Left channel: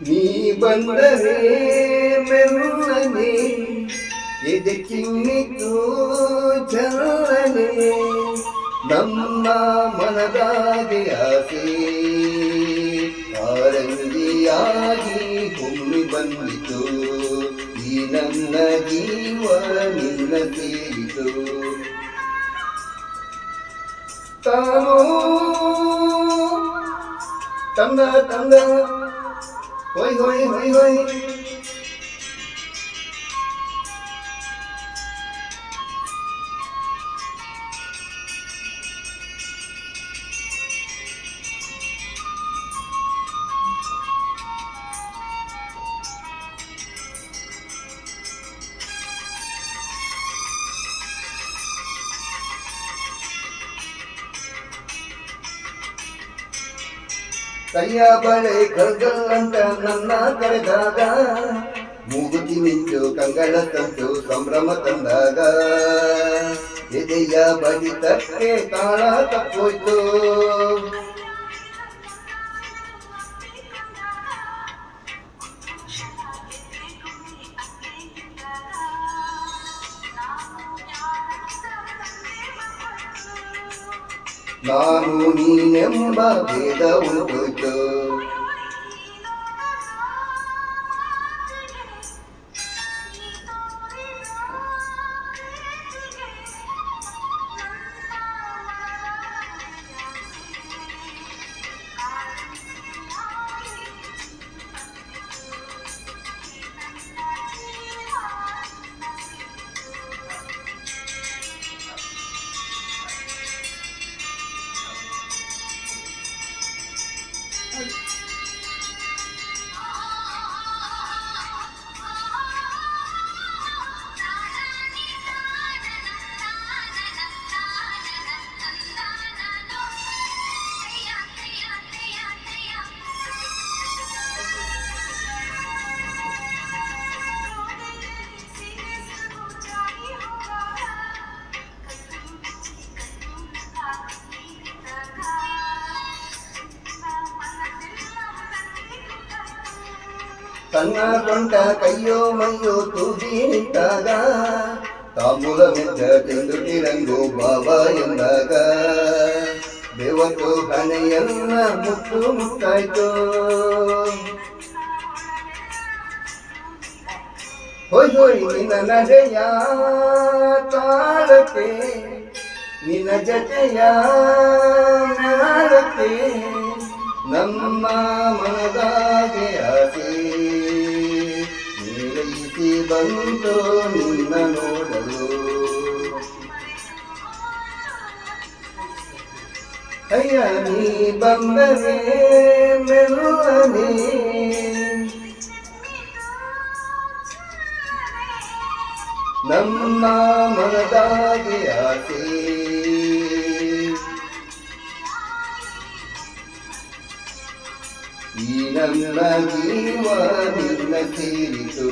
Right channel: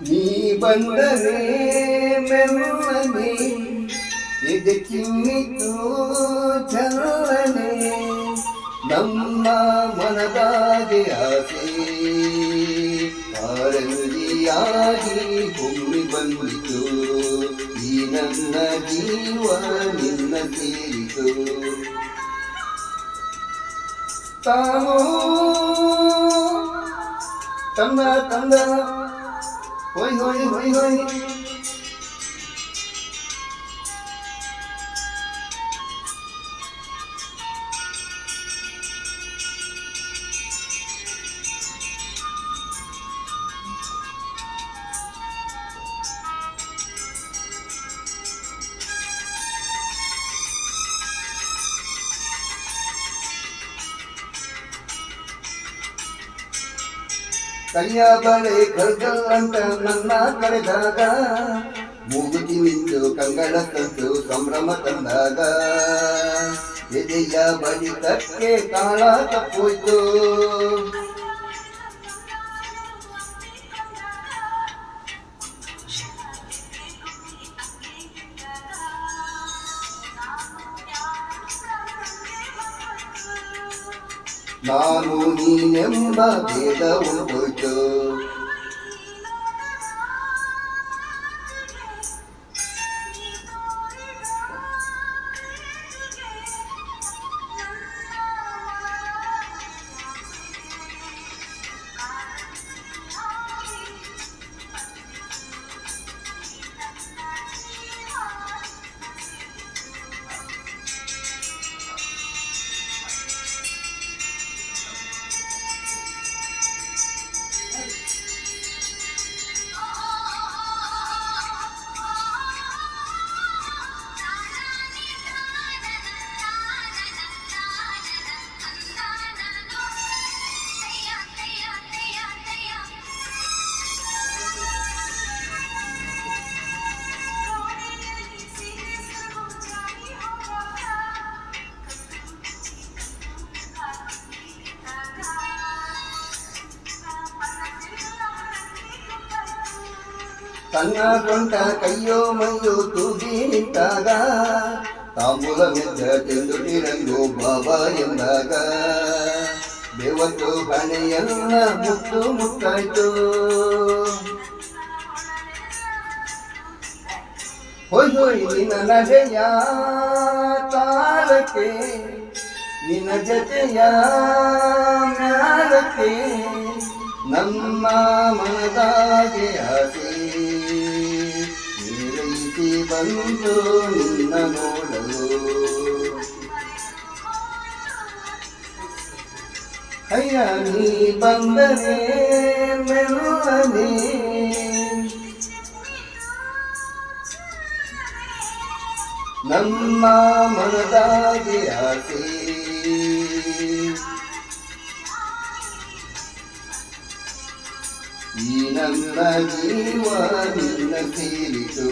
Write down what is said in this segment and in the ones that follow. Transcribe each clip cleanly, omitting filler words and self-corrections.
ನೀ ಬಂದರೆ ಮೆಲ್ಲನೆ ಇದಕ್ಕಿನ್ನಿತು ಚಲನೆ ನಮ್ಮ ಮನದಾಗೆ ಆಸೆ ಆರಂಗಿಯಾಗಿ ಹೊಮ್ಮಿ ಬಂದಿತು ಈ ನನ್ನ ಜೀವ ನಿನ್ನ ಸೇರಿತು ತಾನೋ ತಂದ ತಂದ ಹೋಯ್ ಹೋಯ್ ಹೋಯ್ ಹೋಯ್ ಕೈಯ ಬಳೆ ಕಳ್ಗಲ್ಲಂತ ನನ್ನ ಕರೆದಾಗ ಮೂಗುತಿ ಮಿಂಚು ಕಂಗಳ ತಂತು ಸಂಭ್ರಮ ತಂದಾಗ ಎದೆಯ ಬಡಿತಕ್ಕೆ ತಾಳ ತಪ್ಪೋಯ್ತು ನಾನು ನೀನೆಂಬ ಭೇದ ಉಂಟೋಯ್ತು ತನ್ನ ಸೊಂಟ ಕೈಯೋ ಮೈಯೋ ತೂಗಿ ನಿಂತಾಗ ತಾಂಬೂಲ ಮೆದ್ದ ತಿಂದುಟಿರಂಗು ಬಾಬಾ ಎಂದಾಗ ಬೆವತ್ತು ಹಣೆಯನ್ನ ಮುತ್ತು ಮುತ್ತಾಯ್ತು ಹೋಯ್ ಹೋಯ್ ನಿನ್ನ ನಡೆಯ ತಾಳಕ್ಕೆ ನಿನ್ನ ಜತೆಯ ಮ್ಯಾಳಕ್ಕೆ ನಮ್ಮ ಮನದಾಗೆ ಆಸೆ ನೀರೈಸಿ ಬಂತು ನಿನ್ನ ನೋಡಲು ಅಯ್ಯ ನೀ ಬಂದರೆ ಮೆಲ್ಲನೆ ನಮ್ಮ ಮನದಾಗೆ ಆಸೆ ಈ ನನ್ನ ಜೀವ ನಿನ್ನ ಸೇರಿತು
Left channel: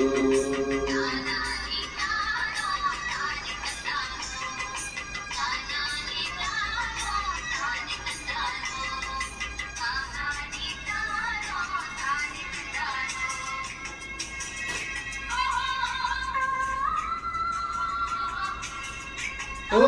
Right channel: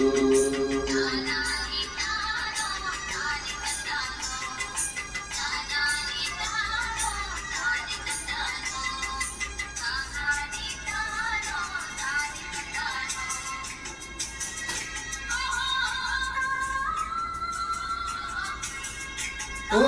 ಓ